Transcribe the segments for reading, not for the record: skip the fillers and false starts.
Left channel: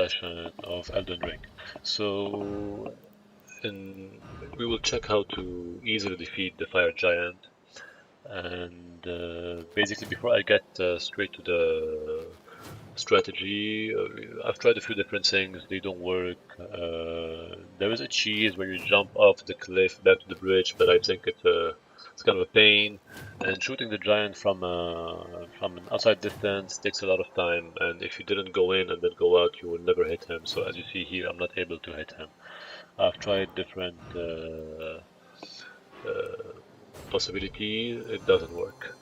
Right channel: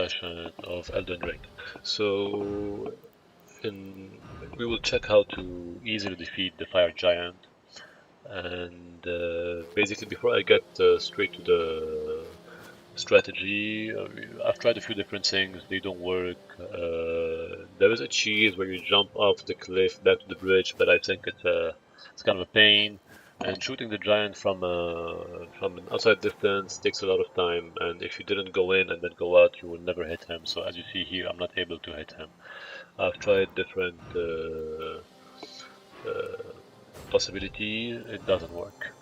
session of Elden Ring. So, we will check how to easily defeat the fire giant. And basically, before I get straight to the strategy, I've tried a few different things. They don't work. There is a cheese where you jump off the cliff back to the bridge, but I think it's kind of a pain. And shooting the giant from an outside distance takes a lot of time. And if you didn't go in and then go out, you will never hit him. So as you see here, I'm not able to hit him. I've tried different uh, possibility. It doesn't work.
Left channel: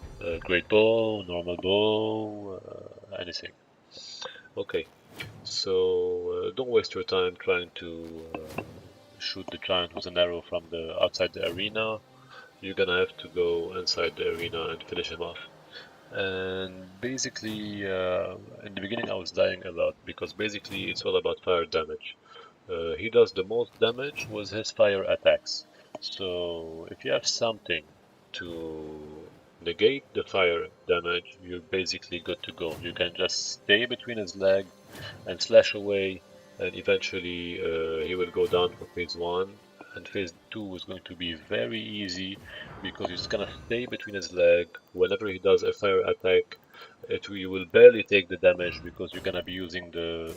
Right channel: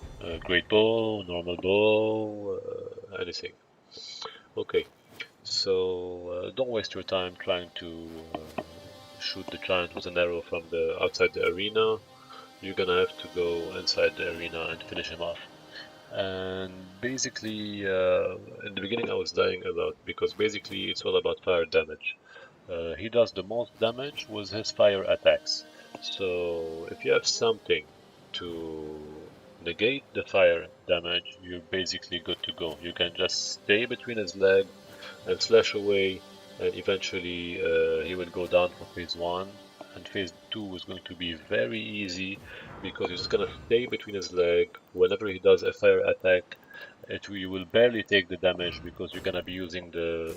Great bow, normal bow, anything. Okay, so don't waste your time trying to shoot the giant with an arrow from the outside the arena. You're gonna have to go inside the arena and finish him off. And basically, in the beginning I was dying a lot because basically it's all about fire damage. He does the most damage with his fire attacks. So if you have something to negate the fire damage, you're basically good to go. You can just stay between his legs and slash away, and eventually he will go down for phase 1. And phase 2 is going to be very easy because you're just gonna stay between his leg. Whenever he does a fire attack, you will barely take the damage because you're gonna be using the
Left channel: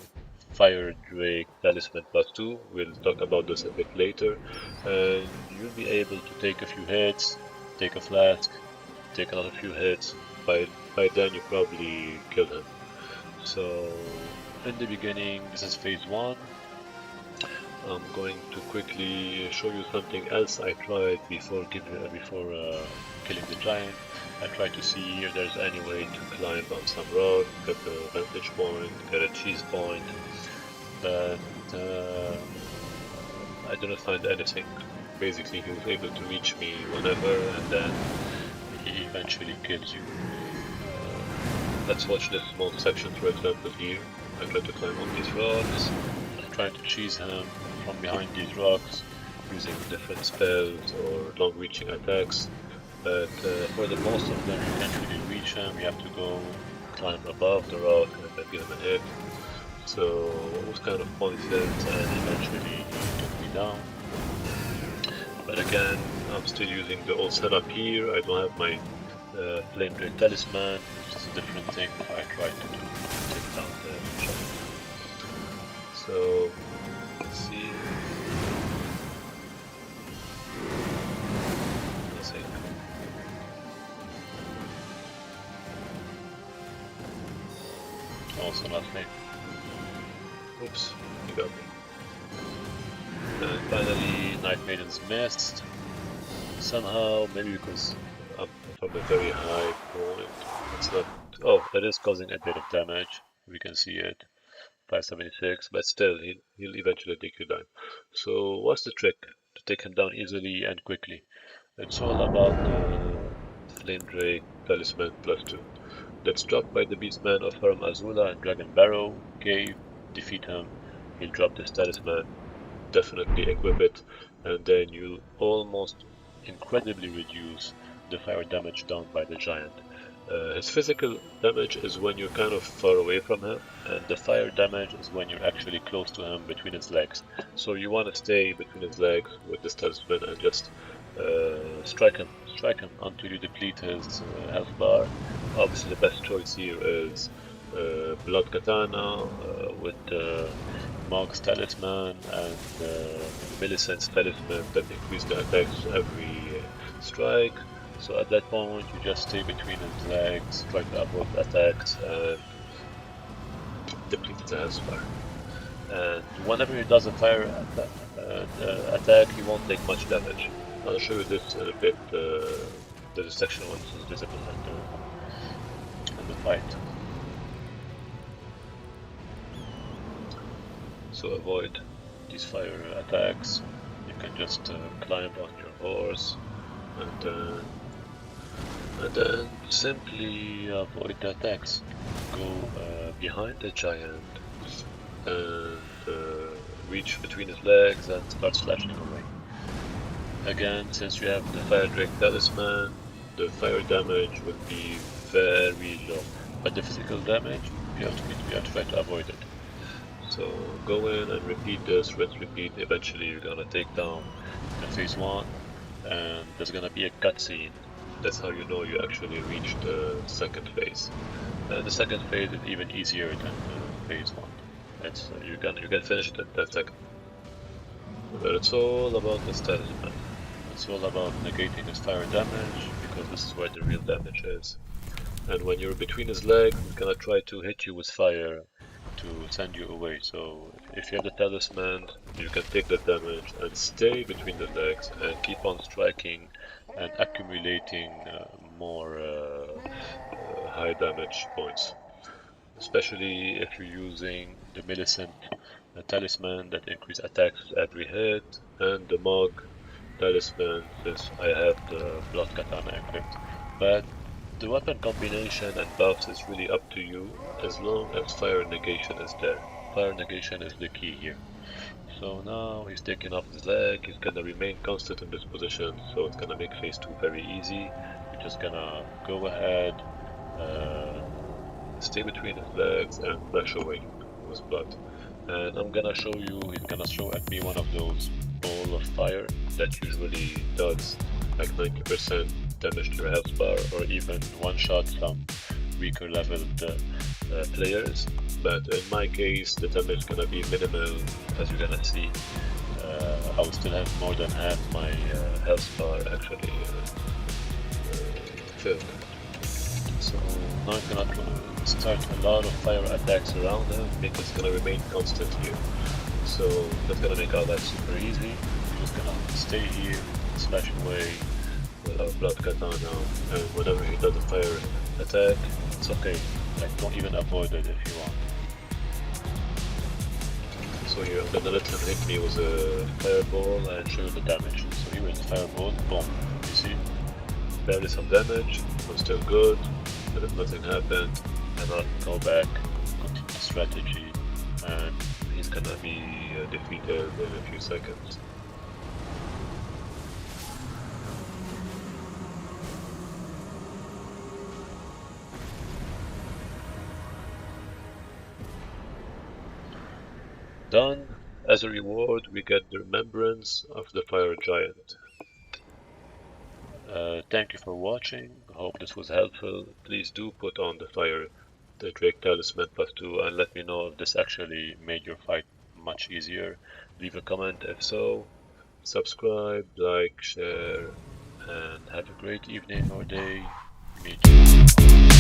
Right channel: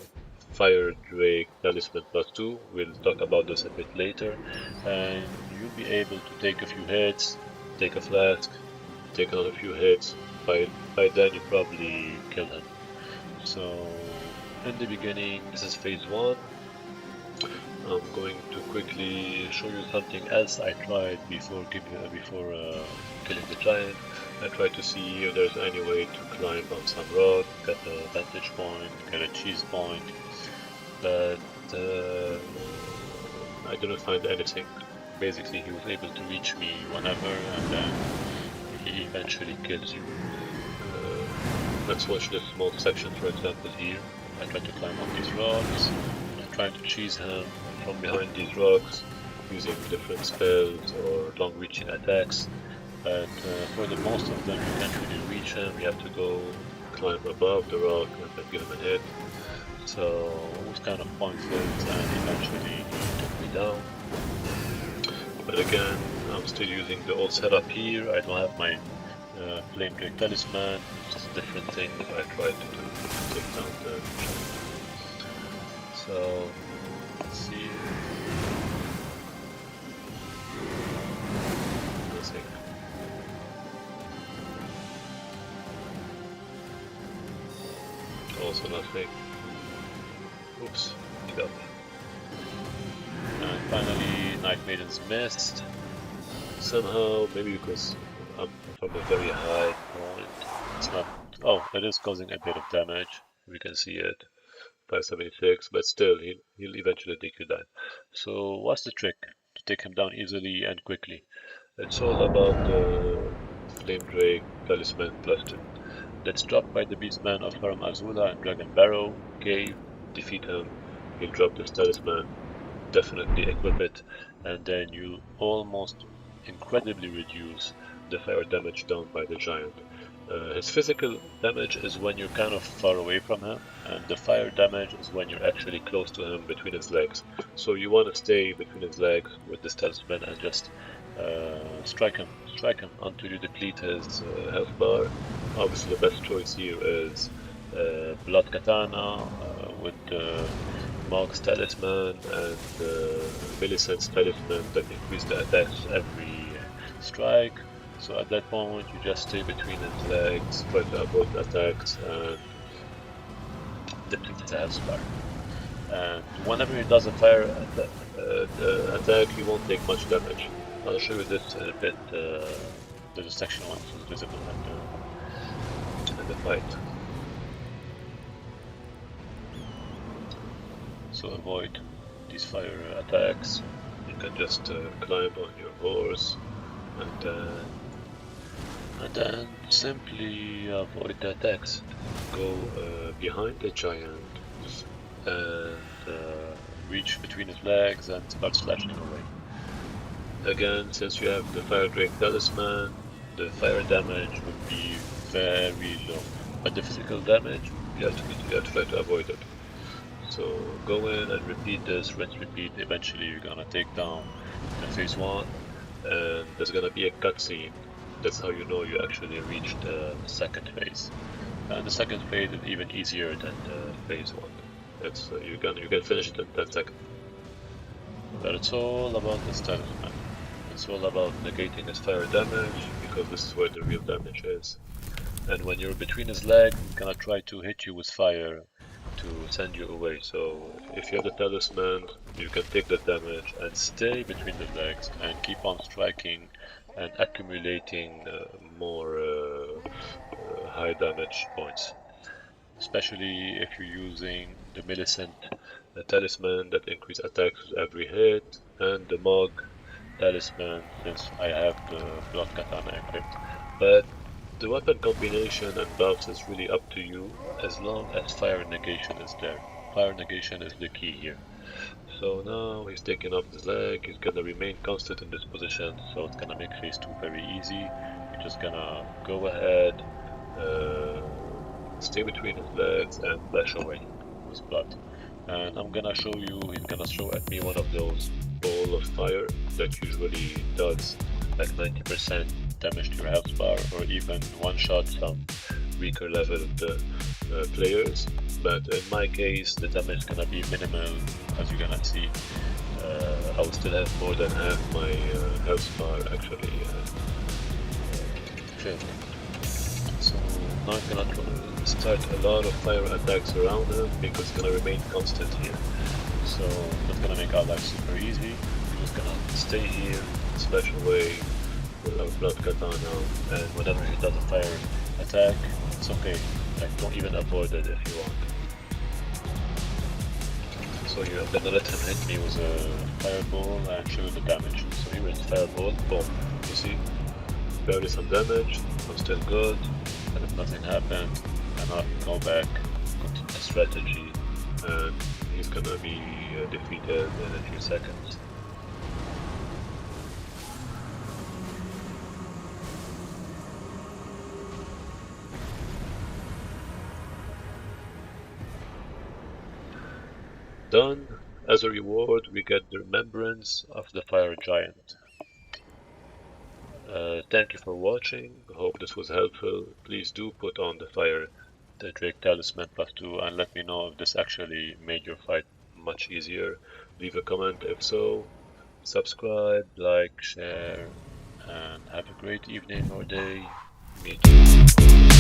Fire Drake Talisman +2. We'll talk about this a bit later, and you'll be able to take a few hits, take a flask, take another few hits. By then you probably killed him. So in the beginning, this is phase 1. I'm going to quickly show you something else I tried before killing the giant. I tried to see if there's any way to climb on some rock, get a vantage point, get a cheese point, but I didn't find anything. Basically, he was able to reach me whenever, and then he eventually kills you. Let's watch this small section, for example, here. I tried to climb on these rocks. I tried to cheese him from behind these rocks using different spells or long-reaching attacks. But for the most of them, you can't really reach him. You have to go climb above the rock and then give him a hit. So it was kind of pointless, and eventually he took me down. But again, I'm still using the old setup here. I don't have my Flame Drake Talisman. It's just a different thing I tried to do to take down the giant. So let's see. Nothing. Also nothing. Oops, he got me. And finally, Night Maiden's missed. Somehow, maybe because I'm from a very high point. It's not. Oh, it is causing a bit of damage. We can see it. 576, but still, he'll eventually take you down. So, what's the trick to take him down easily and quickly? It's all about the Flame Drake Talisman +2. Let's drop by the Beastman of Haram Azula and Dragon Barrow Cave, defeat him, he'll drop this talisman, definitely equip it, and then you'll almost incredibly reduce the fire damage done by the giant. His physical damage is when you're kind of far away from him, and the fire damage is when you're actually close to him between his legs. So you want to stay between his legs with this talisman and just strike him until you deplete his health bar. Obviously the best choice here is Blood Katana with Mog's Talisman and Millicent's Talisman that increase the attacks every strike. So at that point you just stay between his legs, try to avoid attacks and deplete his health bar. And whenever he does a fire attack, he won't take much damage. I'll show you this in a bit. There's a section when this is visible in the fight. So avoid these fire attacks. You can just climb on your horse and then simply avoid the attacks. Go behind the giant and reach between his legs and start slashing away. Again, since you have the Fire Drake Talisman, the fire damage would be very low, but the physical damage, you have to try to avoid it. So go in and repeat this, rinse, repeat. Eventually you're gonna take down phase 1, and there's gonna be a cutscene. That's how you know you actually reached the second phase. And the second phase is even easier than phase 1. It's you can finish it in 10 seconds. But it's all about the talisman. It's all about negating his fire damage, because this is where the real damage is. And when you're between his legs, he's gonna try to hit you with fire to send you away. So if you have the talisman, you can take the damage and stay between the legs and keep on striking and accumulating more high damage points. Especially if you're using the Millicent talisman that increase attacks with every hit, and the Mog talisman since I have the Blood Katana equipped. But the weapon combination and buffs is really up to you, as long as fire negation is there. Fire negation is the key here. So now he's taking off his leg, he's gonna remain constant in this position, so it's gonna make phase 2 very easy. You're just gonna go ahead, uh, stay between his legs and flash away with blood. And I'm gonna show you, he's gonna throw at me one of those ball of fire that usually does like 90% damage to your health bar, or even one-shot some weaker leveled players. But in my case, the damage is gonna be minimal, as you're gonna see. I will still have more than half my health bar actually filled. So now I'm gonna start a lot of fire attacks around him, because it's gonna remain constant here. So that's gonna make our life super easy. We're just gonna stay here, slash away with our blood katana, and whenever he does a fire attack, it's okay. Like, don't even avoid it if you want. So here I'm gonna let him hit me with a fireball and show you the damage. So here is the fireball, boom. You see? Barely some damage, I'm still good, and if nothing happened, and I'll go back, continue the strategy, and he's gonna be defeated in a few seconds. Done. As a reward, we get the remembrance of the fire giant. Thank you for watching. Hope this was helpful. Please do put on the Drake Talisman +2, and let me know if this actually made your fight much easier. Leave a comment if so. Subscribe, like, share, and have a great evening or day. Meet you.